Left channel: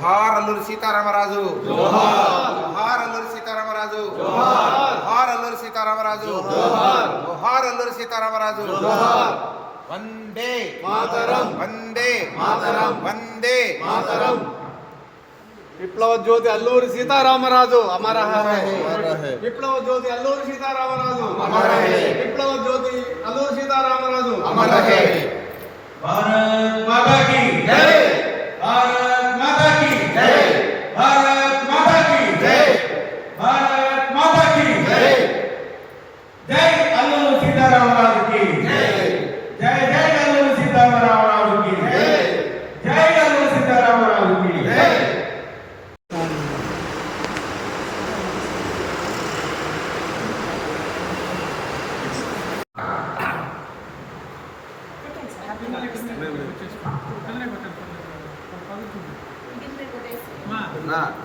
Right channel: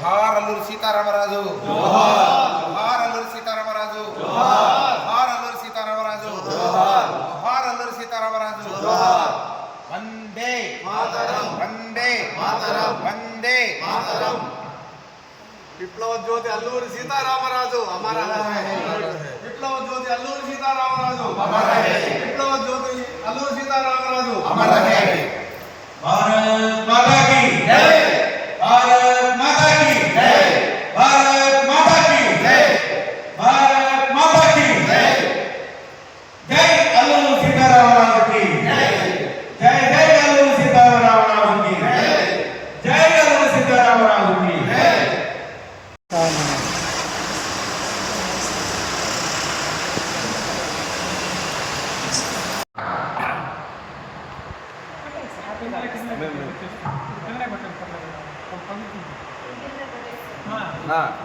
జోహార్ అల్లూరి సీతారామరాజు. జోహార్. అల్లూరి సీతారామరాజు. జోహార్. అల్లూరి సీతారామరాజు. జోహార్. అల్లూరి సీతారామరాజు. వందే మాతరం. వందే మాతరం. వందే మాతరం. విప్లవ జ్యోతి అల్లూరి సీతారామరాజు. అమర. విప్లవ జ్యోతి అల్లూరి సీతారామరాజు. విప్లవ జ్యోతి అల్లూరి సీతారామరాజు. అమర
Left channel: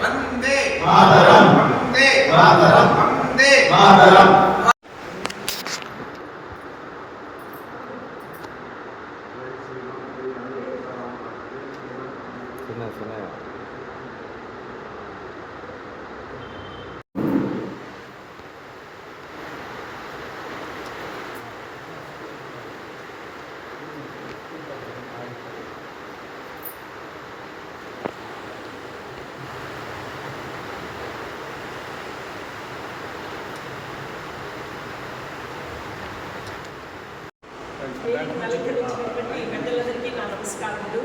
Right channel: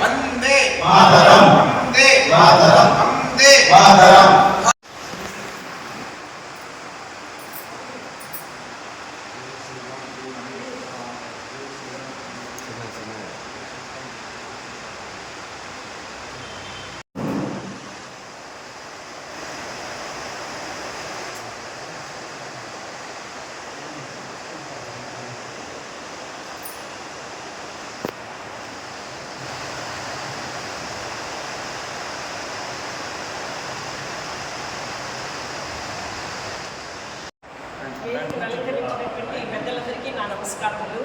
వందే మాతరం వందే మాతరం వందే మాతరం వేదికను అలంకరించినటువంటి పెద్దలందరికీ నా నమస్కారములు.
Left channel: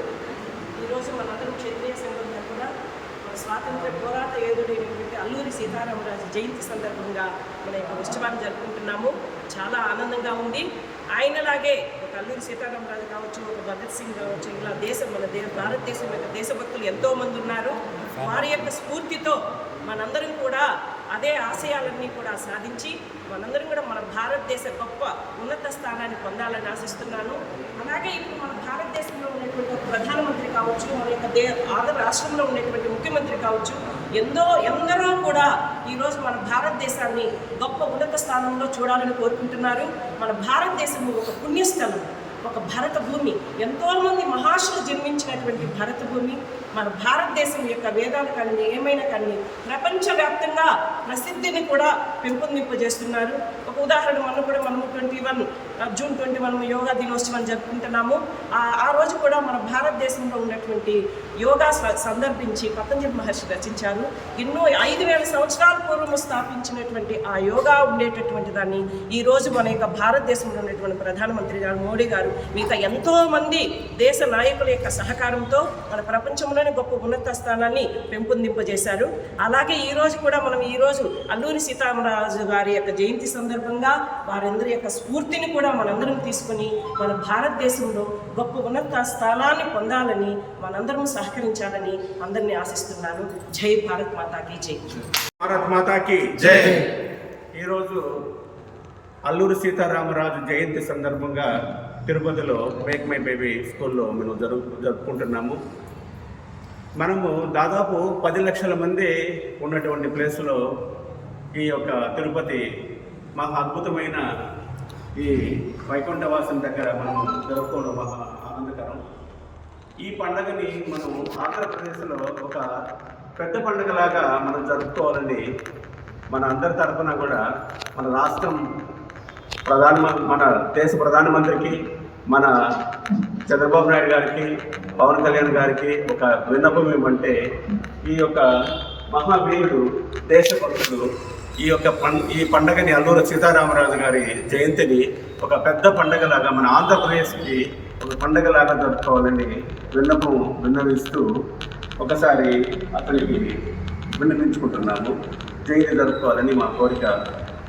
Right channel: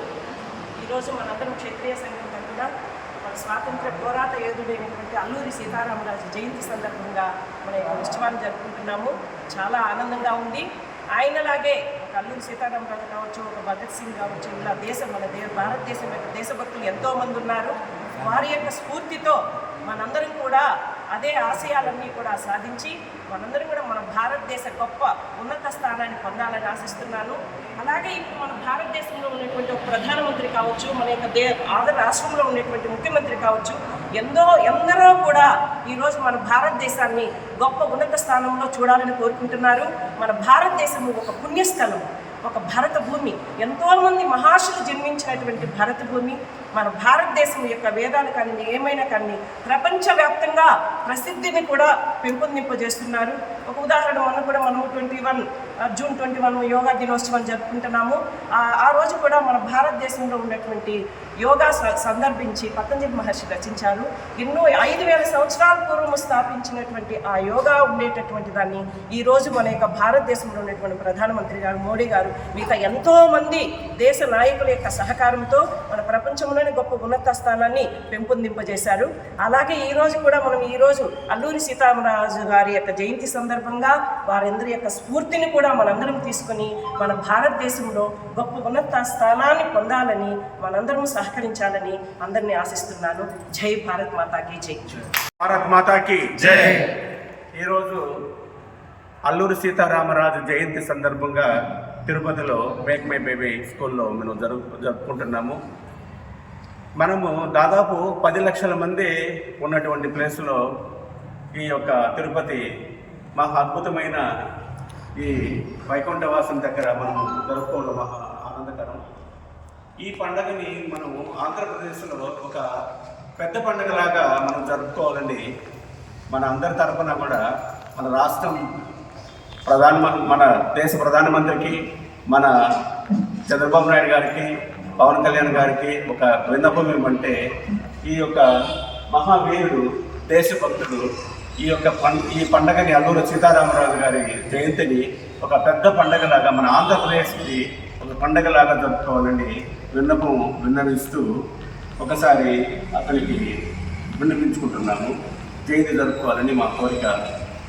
ఈరోజు మనందరం క్షత్రియ సంఘం తరఫున మన స్వాతంత్ర పోరాట యోధుడైనటువంటి అల్లూరి సీతారామరాజు జయంతి సందర్భంగా మన యొక్క ఉత్సవాన్ని జరుపుకుంటున్నాము. చాలా ఆనందంగా ఉంది. ఆయనలాగే ఒక అల్లూరి సీతారామరాజు కావచ్చు ఒక భగత్ సింగ్ కావచ్చు ఇలా దేశం మన దే భారతదేశం యొక్క దేశభక్తులు ఎంతోమంది ఉన్నారు. వారి యొక్క స్ఫూర్తితో మనందరం కూడా అదే ఆశయాలన్నీ కూడా సాధించి మనందరం కూడా మన భారతదేశ గొప్ప ఉన్నత స్థానాన్ని పొందాలని ఆశిస్తున్నాను. అలాగే ఇప్పుడు మన భారతదేశంలో ఉన్నటువంటి ఒక ప్రధానమంత్రి కావచ్చు మన యొక్క దే ఆంధ్ర రాష్ట్రంలో ఉన్నటువంటి ముఖ్యమంత్రి కావచ్చు ఎందో ఎందరో కూడా ఈరోజు మన భారతదేశాన్ని గొప్ప ఉన్నత స్థానంలో చూడాలని కోరుకుంటున్నారు. మన భారతదేశము ఒక పుణ్యస్థలం ఒక భరత భూమి. ఎంతోమంది మహర్షులు జన్మించినటువంటి భరత భూమి. మన భారతదేశం యొక్క వేదాలు కానీ ఏమైనా కానీ ప్రపంచవ్యాప్తంగా ప్రసిద్ధిని కూడా పెంపొందింపజేస్తున్నారు. ఒక ఉదాహరణ మనం కూడా మనము twenty one June twenty one yoga దినోత్సవం జరుపుకుంటున్నాము. ఆ- రోజు కూడా మన భారతదేశంలో ఉన్నటువంటి యోగా స- సందర్భించి పతంజలి మహర్షి రచించారు. ఎన్నో ఐదు వేల సంవత్సరాల పూర్వము స్థాపించినటువంటి ఆ యోగా ఉండేటటువంటి దాన్ని ఈ రోజు మన యొక్క భారతదేశంలో ఉన్నటువంటి ప్రధానమంత్రి గారు మోడీ గారు మిగతా ఎంతోమంది దేశ నాయకుల యొక్క సహకారంతో మన ప్రపంచంలో ప్రపంచంలోనే గొప్ప ఉన్నత స్థానాన్ని పెంపొందింపజేశారు. అలాగే ఈ రోజు కూడా మనం ఈ రోజు అల్లూరి సీతారామరాజు గారి యొక్క జయంతి సందర్భంగా వారందరి యొక్క స్ఫూర్తిని కూడా మనందరం తీసుకొని మన భారతదేశంలో గొప్ప ఉన్నత స్థానాన్ని పొందాలని మనందరం సహకరించాలని అందరినీ ఆశిస్తున్నాను. జై భారత్ మాతాకి జై. భారత్ మాతాకి జై. ఈరోజు అల్లూరి సీతారామరాజు జయంతి సందర్భంగా తిరుపతిలో మేక్ మై బేబీ స్కూల్లో మేము జరుపు జరుపుకుంటున్నాము. మనము దాదాపు పది లక్షల మంది ఉన్నటువంటి ప్లేస్లో ఈ యొక్క తిరుపతి మహా అద్భుతమైన ఈ వైకుంఠవాసం దగ్గర మనము జరుపుకోవడం మహా ఆనందకరం. ఈ పండగని మనం ఆంధ్రప్రదేశ్లో ఒక పెద్ద పండగలాగా మనం జరుపుకోవాలని మన అందరి తరఫున కూడా మన రాష్ట్రం ప్రధాన మన దేశ ప్రధానమంత్రికి మన చంద్రబాబు నాయుడు గారికి పవన్ కళ్యాణ్ గారికి ఒక విన్నపం ఏమంటే ఈ యొక్క మహావీరుడు దేశభక్తుడు ఈ యొక్క పం ఈ పండగని అల్లూరు సీతారామరాజు గారి జయంతిని ఒక పెద్ద పండగలాగా మన ఆంధ్రప్రదేశ్కి ఒక పండగలాగా జరుపుకోవాలని విన్నపం విన్నవిస్తూ ఒకసారి అతనికి విన్నవించుకుంటున్నాము. జయంతి జరుపుకోవాలని మా కోరిక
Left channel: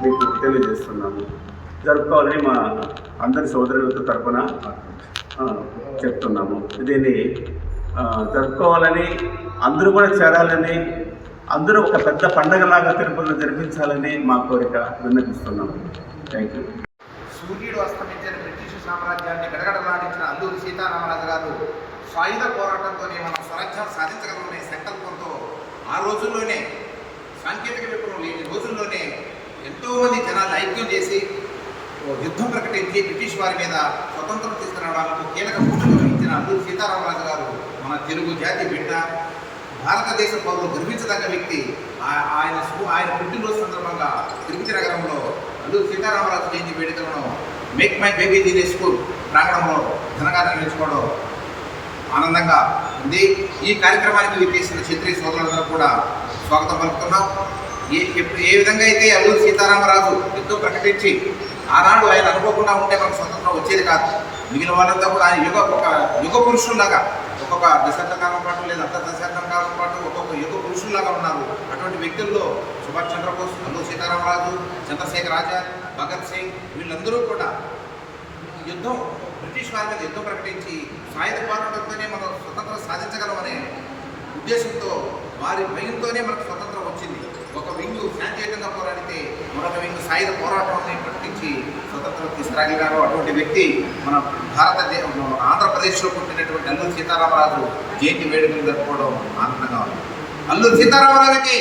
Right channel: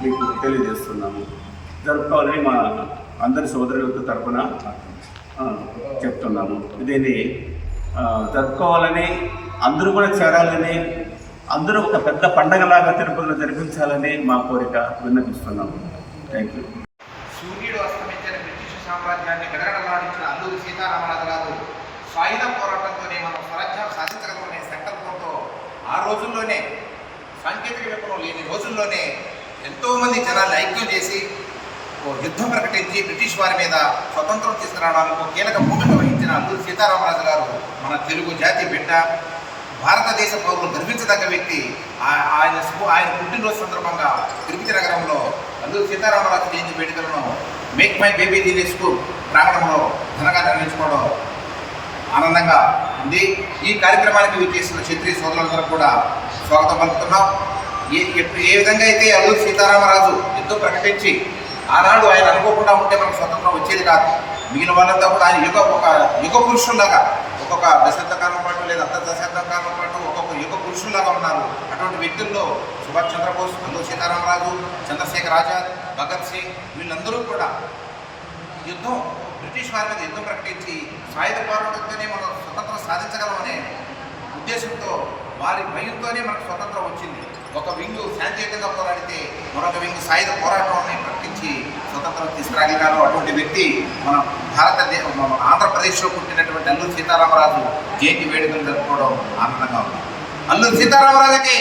మీకు తెలియజేస్తున్నాము. జరుపుకోవాలని మా అందరి సోదరులతో తరపున చెప్తున్నాము. దీన్ని జరుపుకోవాలని అందరూ కూడా చేరాలని అందరూ ఒక పెద్ద పండగలాగా తిరుపతిలో జరిపించాలని మా కోరిక విన్నపిస్తున్నాము థ్యాంక్ యూ సూర్యుడు అస్తమించిన బ్రిటిష్ సామ్రాజ్యాన్ని గడగడలాడించిన అల్లూరి సీతారామరాజు గారు సాయుధ పోరాటంతోనే మనం స్వరాజ్యం సాధించగలమనే సంకల్పంతో ఆ రోజుల్లోనే సాంకేతిక విప్లవం లేని రోజుల్లోనే ఎంతోమంది జనాలు ఐక్యం చేసి యుద్ధం ప్రకటించి బ్రిటిష్ వారి మీద స్వతంత్రం తీసుకురావడానికి కీలక భూమిక వహించిన అల్లూరి సీతారామరాజు గారు మన తెలుగు జాతి బిడ్డ భారతదేశ పౌరులు గర్వించదగ్గ వ్యక్తి. ఆయన ఆయన పుట్టినరోజు సందర్భంగా తిరుపతి నగరంలో అల్లూరి సీతారామరాజు జయంతి వేడుకలను మేక్ మై బేబీ దీని స్కూల్ ప్రాంగణంలో ఘనంగా నిర్వహించుకోవడం ఆనందంగా ఉంది. ఈ కార్యక్రమానికి విచ్చేసిన క్షత్రియ సోదరులందరూ కూడా స్వాగతం పలుకుతున్నాం. ఏ ఏ విధంగా అయితే అల్లూరి సీతారామరాజు యుద్ధం ప్రకటించి ఆనాడు ఆయన అనుకోకుండా ఉంటే మనకు స్వతంత్రం వచ్చేది కాదు. మిగిలిన వాళ్ళంతా కూడా ఆయన యుగ ఒక యుగ పురుషుల్లాగా ఒక్కొక్క దశాబ్ద కాలం పాటు లేదా అర్ధ దశాబ్దం కాలం పాటు ఒక్కొక్క యుగ పురుషుల్లాగా ఉన్నారు. అటువంటి వ్యక్తుల్లో సుభాష్ చంద్రబోస్ అల్లు సీతారామరాజు చంద్రశేఖర్ ఆజాద్ భగత్ సింగ్ వీళ్ళందరూ కూడా యుద్ధం బ్రిటిష్ వారి మీద యుద్ధం ప్రకటించి సాయుధ పోరాటంతోనే మనం స్వతంత్రం సాధించగలమనే ఉద్దేశంతో వారి భయంతోనే మనకు స్వతంత్రం వచ్చింది. ఒక వింగు శాంతియుతంగా పోరాడితే మరొక వింగు సాయుధ పోరాటాన్ని ప్రకటించి స్వతంత్రం తీసుకురాగలిగారు. అటువంటి వ్యక్తి మన భారతదేశ మన ఆంధ్రప్రదేశ్లో పుట్టినటువంటి అల్లూరి సీతారామరాజు జయంతి వేడుకలు జరుపుకోవడం ఆనందంగా ఉంది. అల్లూరి సీతారామరాజుకి!